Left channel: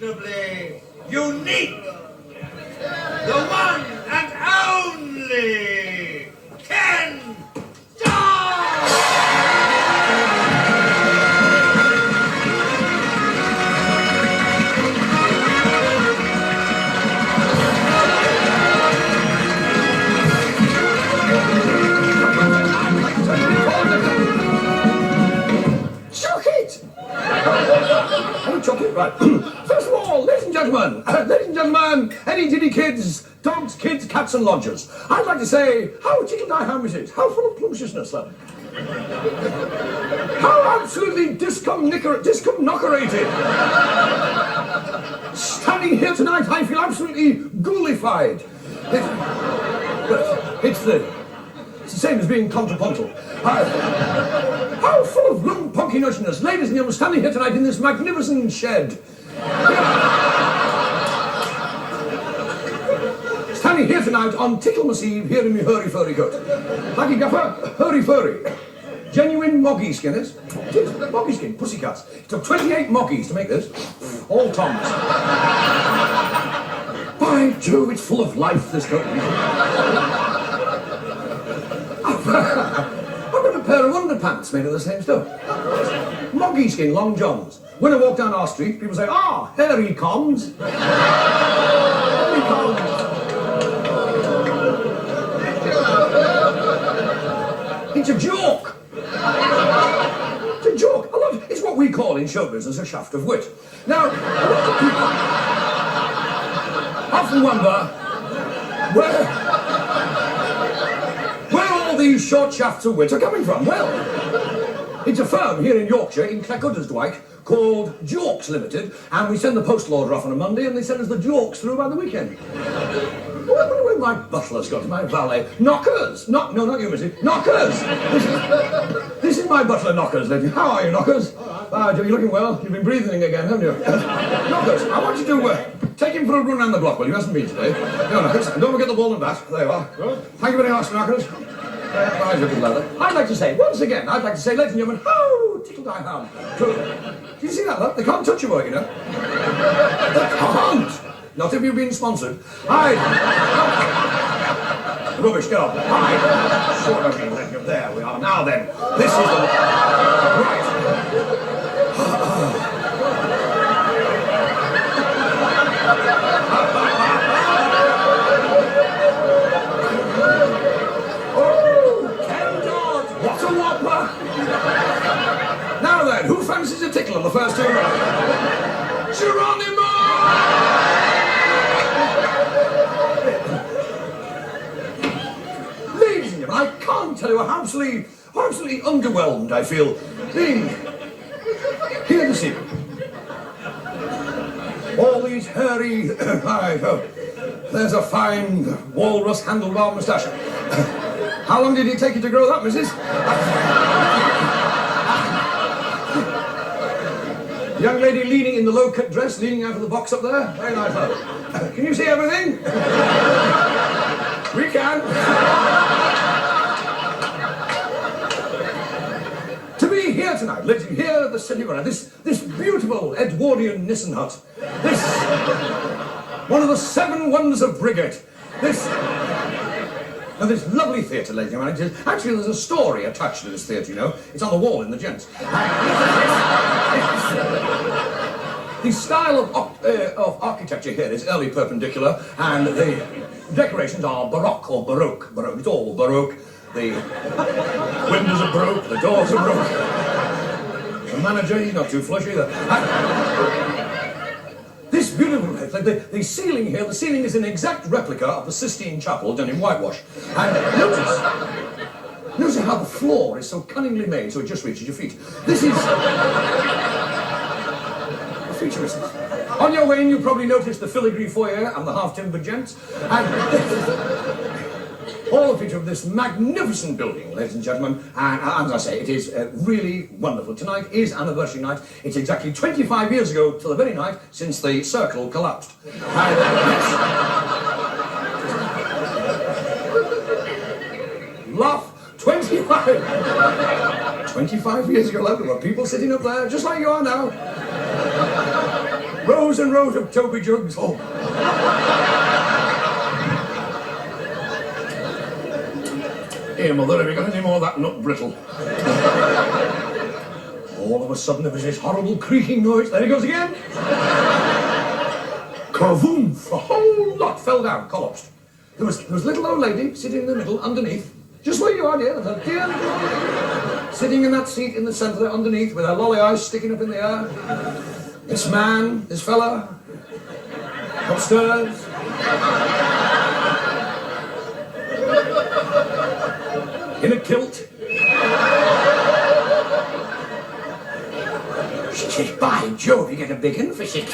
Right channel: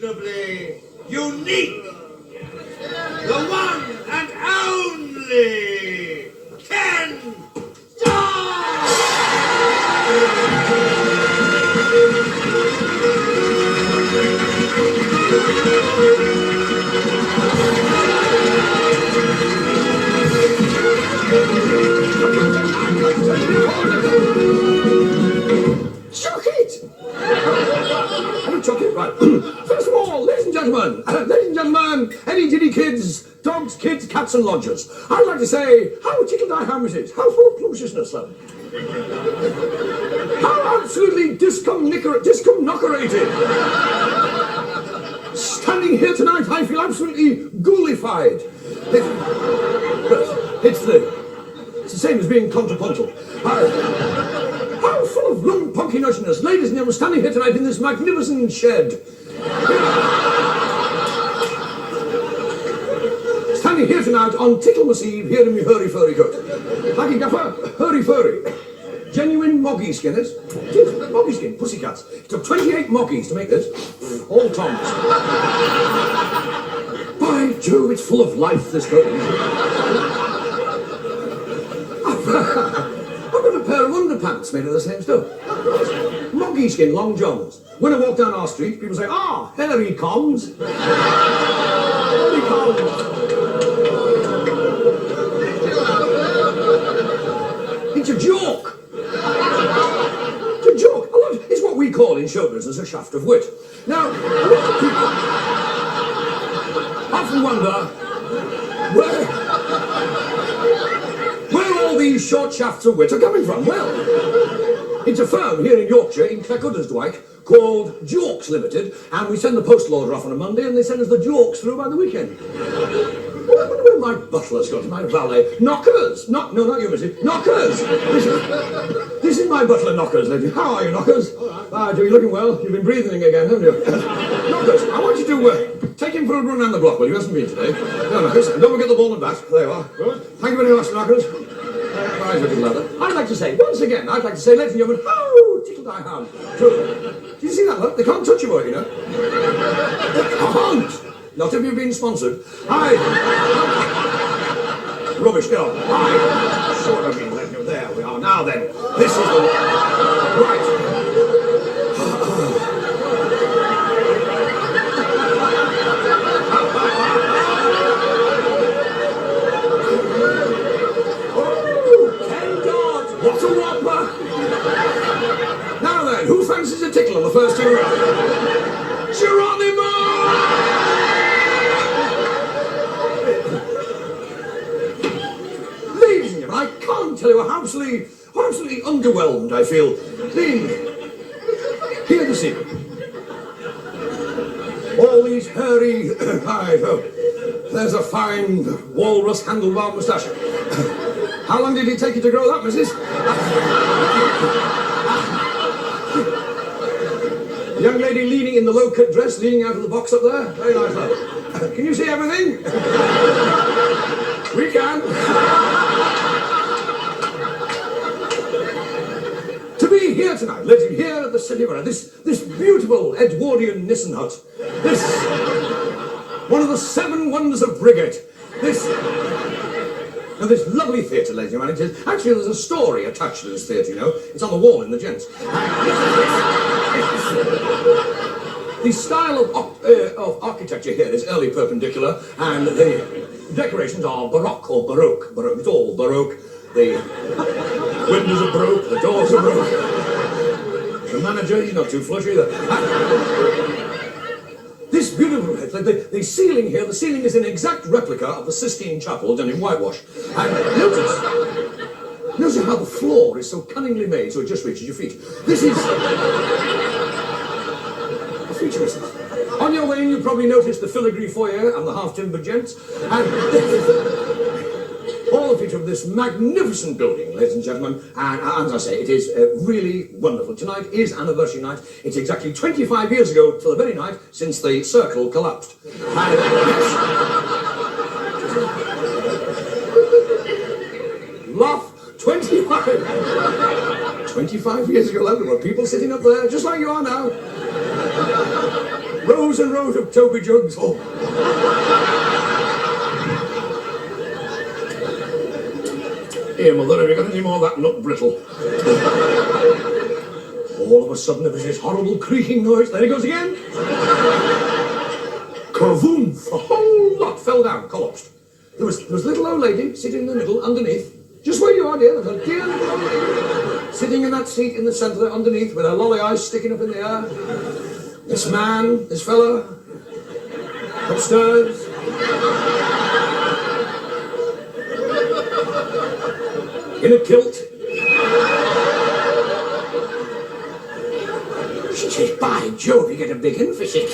unquestionably unique, the one and only Kenn Dodd! Chuck it! Oh, chuck it, right. First of all, ladies and gentlemen, any Diddy kids, dogs, kids, cats and lodgers, I'd like to say, how tickled I am is it? How full of plumptiousness, though. How absolutely discomnockerated. Standing here tonight, I feel absolutely ghoulified. It's the same as being contrapuntal. How full of rum punkiness, ladies and gentlemen, standing here tonight in this magnificent shed. Standing here tonight on Ticklemas Eve, here in my hurry-furry coat. Thank you, Gaffer. Hurry-furry. Genuine moggy skinners. Moggy skin, pussycats. It took 28 moggies to make this. All Toms. By Jove, it's full of life, this coat. I've got a pair of underpants made of the same stuff. Moggy skin, long johns. When I walk down our street, people say, "Ah, hairy coms." Hairy coms. It's a joke. It's a joke. It's what we call in showbiz as a shaft of wit. Now, a lot of people often wonder where all these short shafts of wit are coming from. Well, it's a firm here in Yorkshire, in Cleckuddersdwyck, called Jokes Limited, and we send the postal order off on a Monday, and they send us the jokes through by the weekend. What have my butlers got? My valet? Knockers! No, not you, missy. Knockers! This is my butler, Knockers, lady. How are you, Knockers? Ah, Joe, you're looking well. You've been breathing again, haven't you? Knockers, I want you to take him for a run around the block, well, he hasn't been today. No, Knockers, don't forget the ball and bat. There you are. Thank you very much, Knockers. I'd like to say, once again, ladies and gentlemen, how tickled I am. True. Do you see that, look? They can't touch you, you know? They can't. Not if you've been sponsored. Rubbish, get on. Sort of been letting you. There we are. Now then, this is the... Right. What a whopper! Now then, who fancies a tickle on the first two rounds? Geronimo! Ladies and gentlemen, I can't tell you how absolutely underwhelmed I feel being here this evening. All these hairy... there's a fine walrus handlebar moustache. How long did it take you to grow that, missus? The young lady leaning in the low-cut dress, leaning out of the box up there. Very nice. Can you see everything? We can. To be here tonight, ladies, here at the City Runner, this beautiful Edwardian Nissen hut, this, one of the 7 wonders of Briggate, Now, this lovely theatre, ladies and gentlemen, actually there's a story attached to this theatre, you know. It's on the wall in the gents. The style of architecture here is early perpendicular, and the decorations are Baroque or Baroque. It's all Baroque. The windows are Baroque, the doors are Baroque. The manager, he's not too flush either. This beautiful, the ceiling here, the ceiling is an exact replica of the Sistine Chapel done in whitewash. And notice how the floor is so cunningly made so it just reaches your feet. This is a futurist. On your way in, you probably noticed the filigree foyer and the half-timber gents. And all the feature of this magnificent building, ladies and gentlemen, and as I say, it is really wonderful. Tonight is anniversary night. It's exactly 25 years ago to the very night since the circle collapsed. And, laugh, 25 25 years ago, there were people sitting up there, just like you are now. Rows and rows of Toby jugs. Oh. Here, Mother, have you got any more of that nut brittle? All of a sudden, there was this horrible creaking noise. There he goes again. Kervoom! A whole lot fell down, collapsed. There was little old lady sitting in the middle, underneath. Just where you are, dear. There's a dear little old lady sitting in that seat in the centre there, underneath, with her lolly eyes sticking up in the air. This man, this fella, upstairs. In a kilt. She says, by Jove, you get a big in for shit.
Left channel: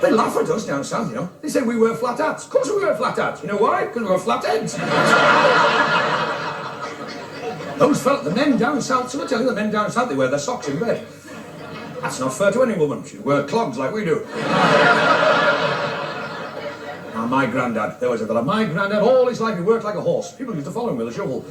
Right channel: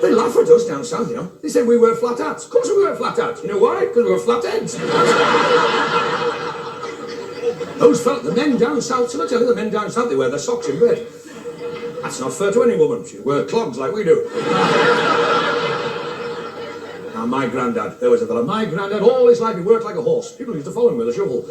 They laugh at us down south, you know. They say we wear flat hats. Of course we wear flat hats. You know why? Because we wear flat heads. Those fellas, the men down south, so I tell you, the men down south, they wear their socks in bed. That's not fair to any woman. She wear clogs like we do. Now, my granddad, there was a fella, my granddad, all his life he worked like a horse. People used to follow him with a shovel.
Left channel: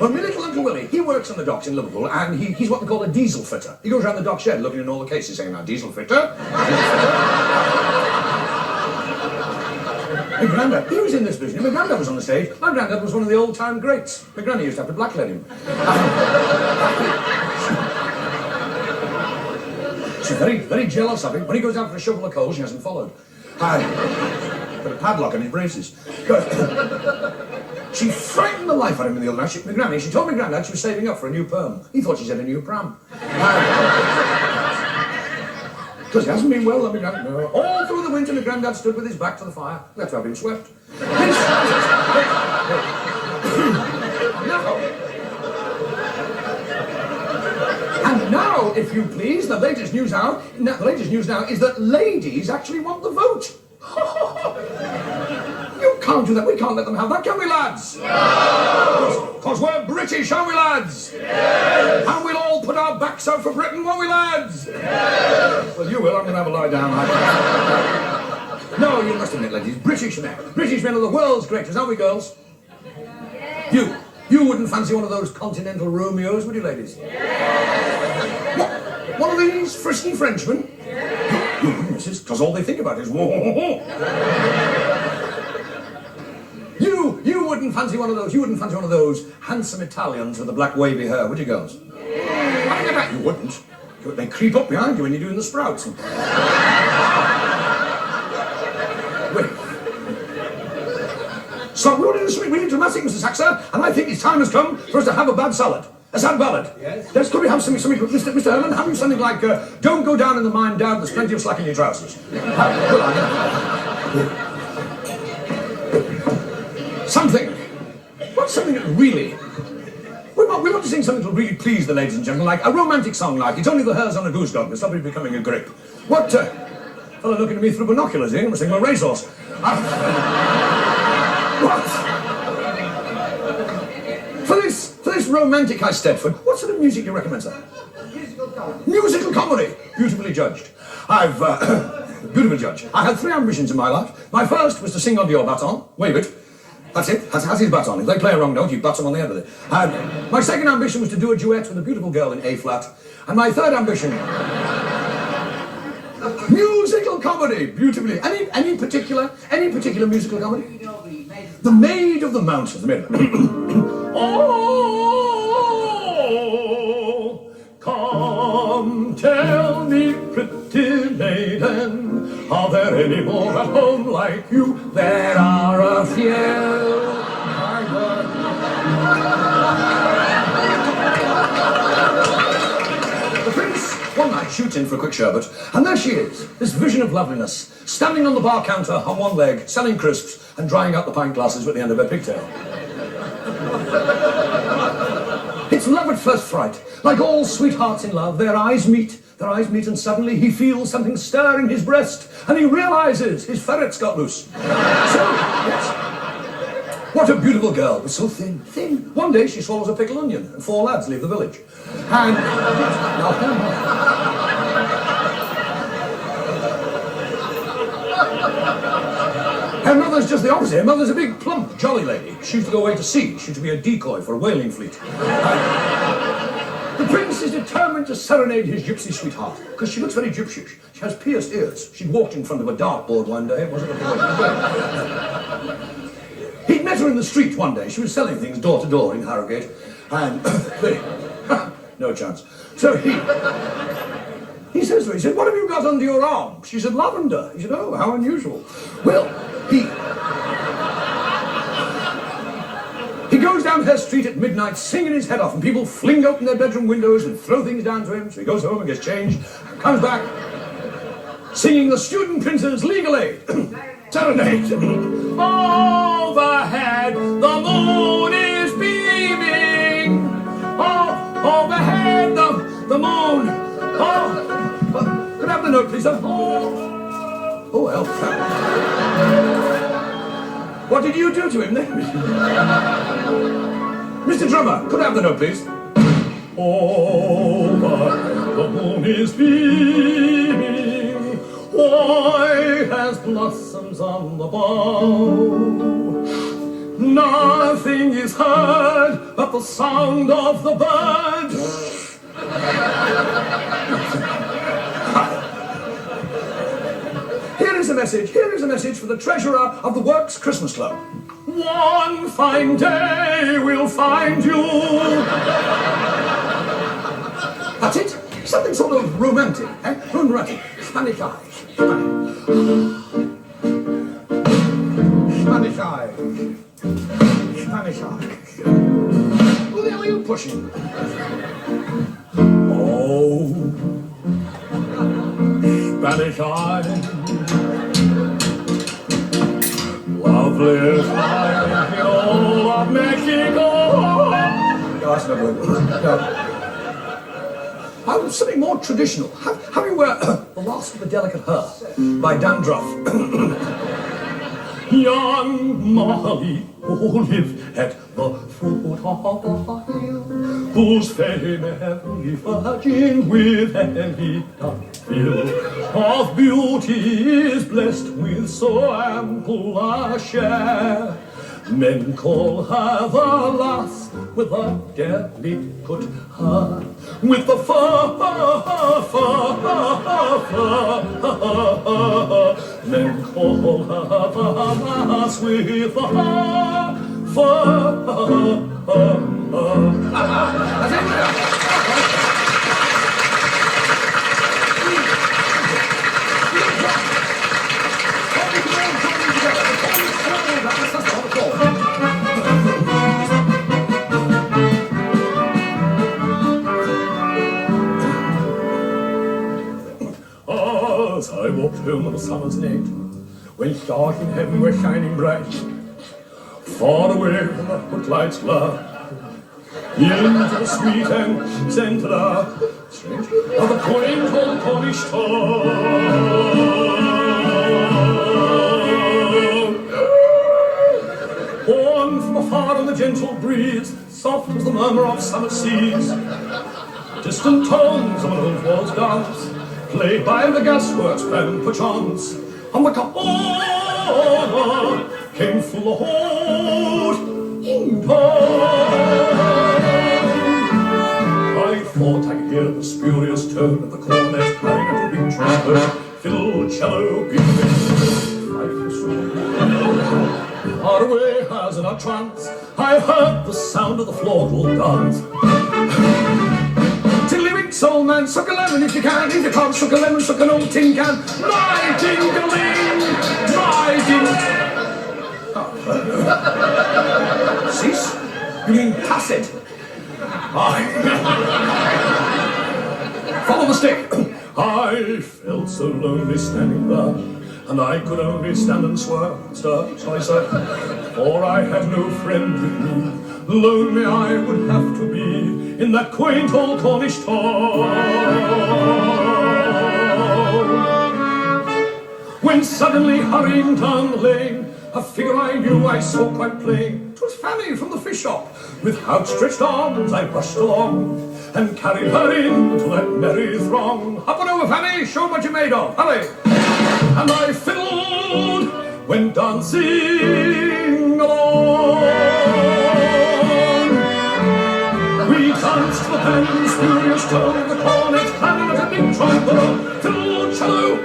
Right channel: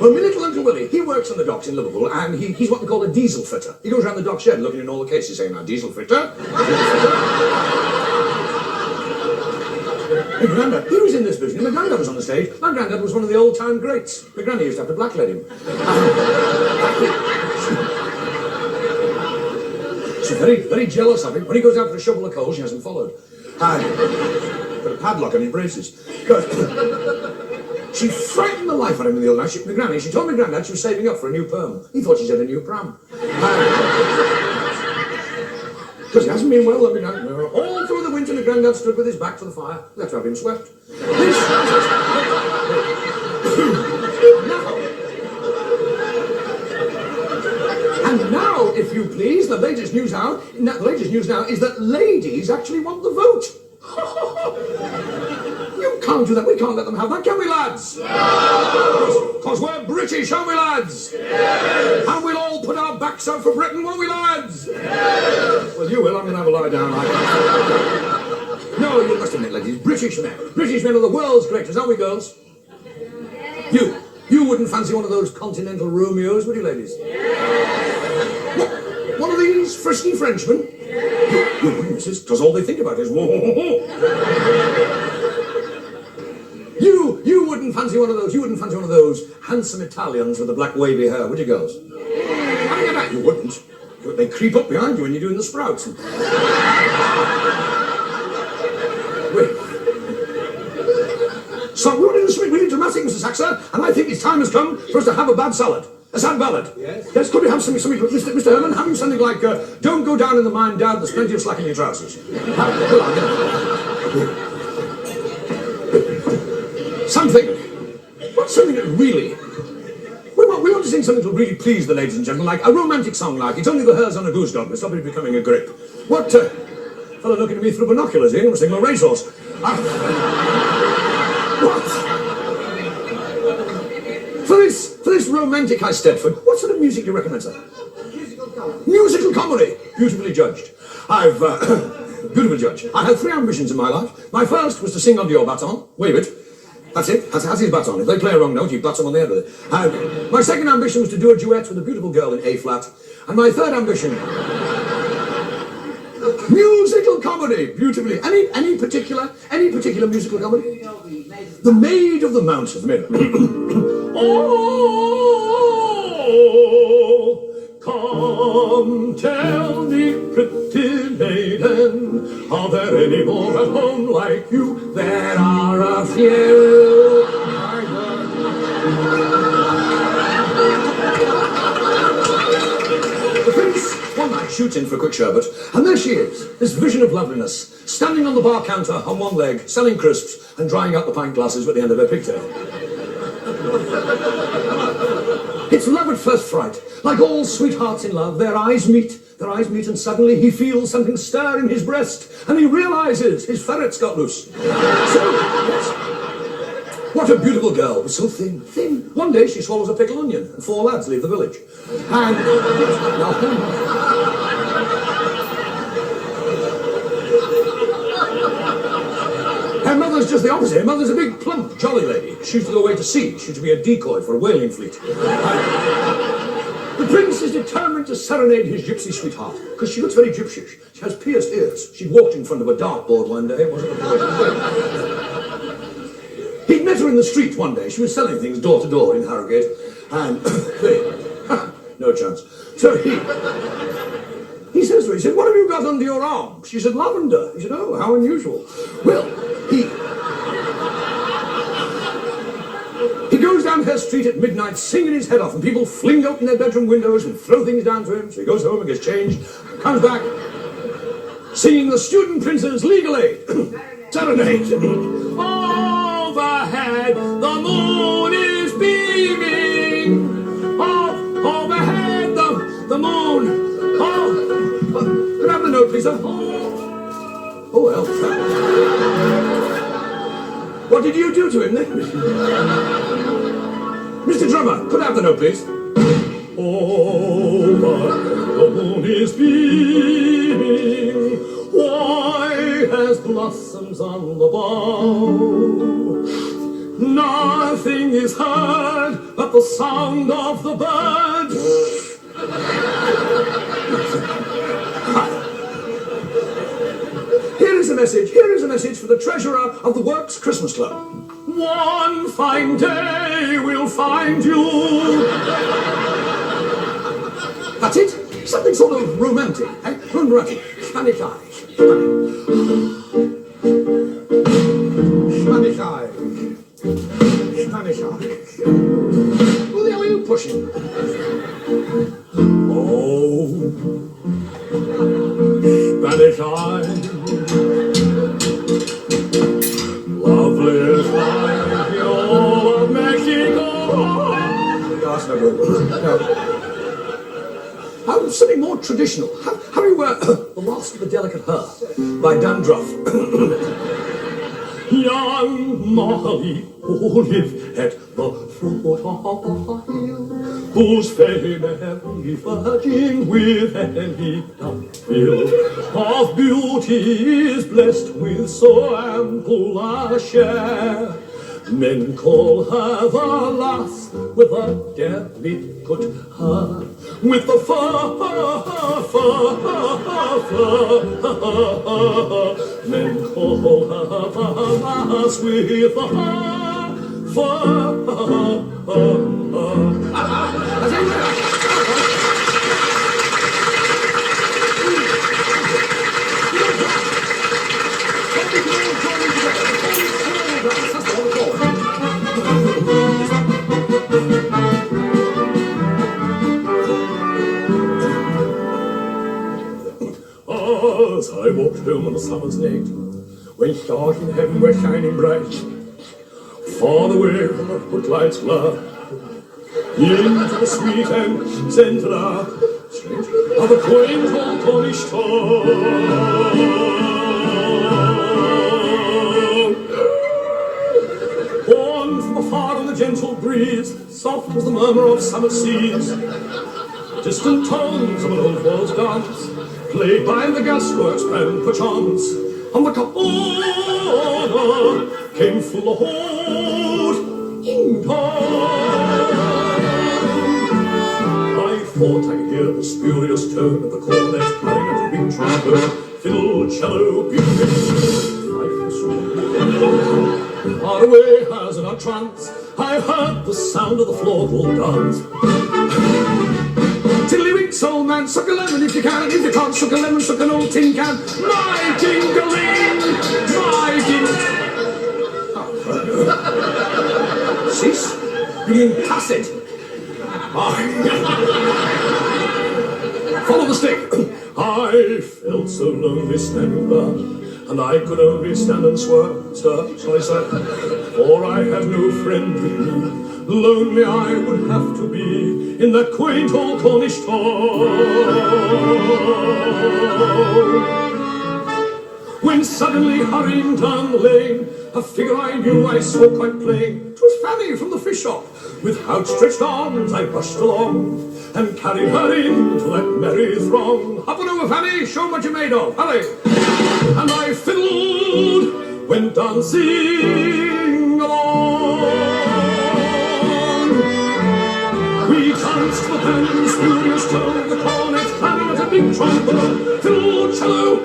Well, my little Uncle Willie, he works on the docks in Liverpool, and he's what we call a diesel fitter. He goes around the dock shed looking in all the cases saying, now, diesel fitter. My granddad, he was in this business. My granddad was on the stage. My granddad was one of the old-time greats. My granny used to have to blacklead him. She's very, very jealous of him. When he goes out for a shovel of coal, she hasn't followed. Put a padlock on his braces. She frightened the life out of him in the old house. My granny, she told my granddad she was saving up for a new perm. He thought she'd had a new pram. Because he hasn't been well, though, my granddad. No. All through the winter, my granddad stood with his back to the fire. We had to have him swept. And now, if you please, the latest news now is that ladies actually want the vote. You can't do that. We can't let them have that, can we, lads? No! Because we're British, aren't we, lads? Yes! And we'll all put our backs out for Britain, won't we, lads? Yes! Well, you will. I'm going to have a lie down. No, you must admit, ladies, British men are the world's greatest, aren't we, girls? Yes. You wouldn't fancy one of those continental Romeos, would you, ladies? Yes. What? One of these frisky Frenchmen? Yes. You wouldn't, missus, because all they think about is whoa. You wouldn't fancy one of those. You wouldn't fancy one of those handsome Italians with the black wavy hair, would you, girls? Yes. You wouldn't. They creep up behind you when you're doing the sprouts. Wait. So we want to do something really dramatic, Mr. Saxer, and I think it's time has come for us to have a bad salad. A sad ballad. Yes. Yes, could we have something, Mr. Herman, having something like, don't go down in the mine, Dad, there's plenty of slack in your trousers. Something. What's something that really... We want to sing something that will really please the ladies and gentlemen, like a romantic song like It's Only the Hairs on a Goose Dog, but somebody becoming a grip. What, fellow looking at me through binoculars here, I'm singing a racehorse. What? For this romantic High Stedford, what sort of music do you recommend, sir? Musical comedy. Beautifully judged. Beautiful judge. I had 3 ambitions in my life. My first was to sing under your baton. Wave it. That's it. That's his baton. If they play a wrong note, you bat them on the end of it. My second ambition was to do a duet with a beautiful girl in A flat. And my third ambition... musical comedy. Beautifully. Any particular musical comedy? The Maid of the Mountains. Oh, come tell me, pretty maiden, are there any more at home like you? There are a few. The prince one night shoots in for a quick sherbet, and there she is, this vision of loveliness, standing on the bar counter on one leg, selling crisps and drying out the pint glasses with the end of her pigtail. It's love at first fright. Like all sweethearts in love, their eyes meet, and suddenly he feels something stir in his breast, and he realizes his ferret's got loose. So, yes. What a beautiful girl, but so thin, thin. One day she swallows a pickled onion and 4 lads leave the village. And... Her mother's just the opposite. Her mother's a big, plump, jolly lady. She used to go away to sea. She used to be a decoy for a whaling fleet. The prince is determined to serenade his gypsy sweetheart, because she looks very gypsyish. She has pierced ears. She walked in front of a dartboard one day. He'd met her in the street one day. She was selling things door to door in Harrogate. And... no chance. So he says to her, he said, what have you got under your arm? She said, lavender. He said, oh, how unusual. Well, he goes down her street at midnight singing his head off, and people fling open their bedroom windows and throw things down to him. So he goes home and gets changed, comes back, singing the student prince's legal aid. Serenade. Overhead, the moon is beaming. Overhead, the moon. Could I have the note, please? Oh, well. What did you do to him then? Mr. Drummer, could I have the note, please? Over, the moon is beaming. White as blossoms on the bough. Nothing is heard but the sound of the bird. Here is a message for the treasurer of the Works Christmas Club. One fine day we'll find you. That's it. Something sort of romantic, eh? Romantic. Spanish eyes. Spanish eyes. Spanish eyes. What the hell are you pushing? Oh, Spanish eyes. Lovely eyes in all of Mexico. That's no good. No. Something more traditional. Have you The Lost of a Delicate Her by Dandruff. Young Molly, who lived at the foot of the hill, whose fame every virgin with any fill of beauty is blessed with so ample a share. Men call her the lass with a delicate heart, with the Men call her the lass with the As I walked home on a summer's night, when stars in heaven were shining bright, far away from the footlights' glare, into the sweet and scented air of a quaint old Cornish town. Born from afar on the gentle breeze, soft as the murmur of summer seas, distant tones of an old world's dance, played by the gasworks and perchance, on the cup came full the hold in time. I thought I could hear the spurious tone of the cornet carrying at the big trumpet, fiddle, cello, piano, far away as in a trance, I heard the sound of the floor-called dance. Tiddlywinks, old man, suck a lemon if you can. If you can't suck a lemon, suck an old tin can. My ding-a-ling, my ding. Cease being tacit. Follow the stick. I felt so lonely standing there, and I could only stand and swear. So I said, for I had no friend with me. Lonely I would have to be in that quaint old Cornish town. when suddenly hurrying down the lane, a figure I knew I saw quite plain. 'Twas Fanny from the fish shop. With outstretched arms I rushed along, and carried her into that merry throng. Up and over, Fanny, show 'em what you're made of, hurry! And I fiddled, went dancing along. We danced the band, spurious tone, the cornet, clarinet, a big trombone, fiddle, cello,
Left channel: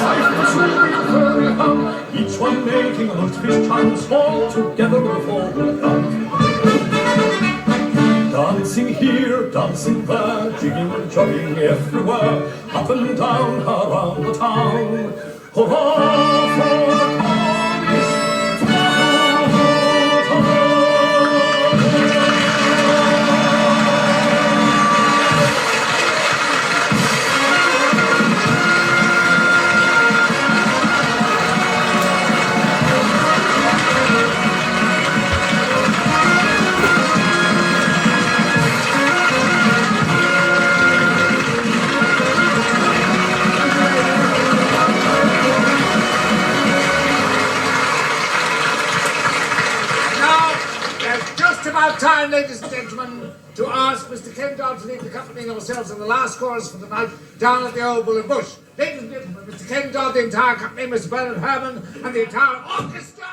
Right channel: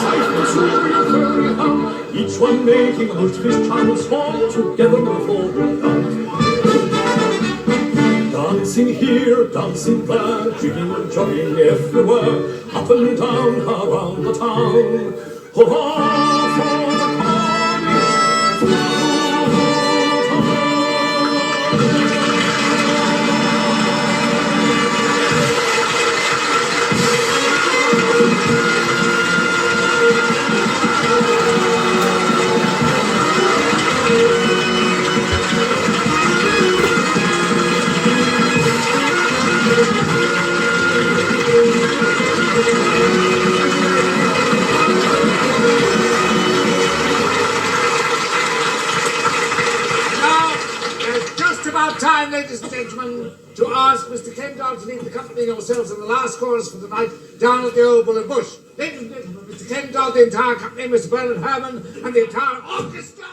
fife, the surreal, furry hum, each one making most of his chance, all together before we come. Dancing here, dancing there, jigging and jogging everywhere, up and down around the town. Hurrah for the colonies, time, ladies and gentlemen, to ask Mr. Kenn Dodd to lead the company and yourselves in the last chorus for the night down at the Old Bull and Bush. Ladies and gentlemen, Mr. Kenn Dodd, the entire company, Mr. Bernard Herman, and the entire orchestra.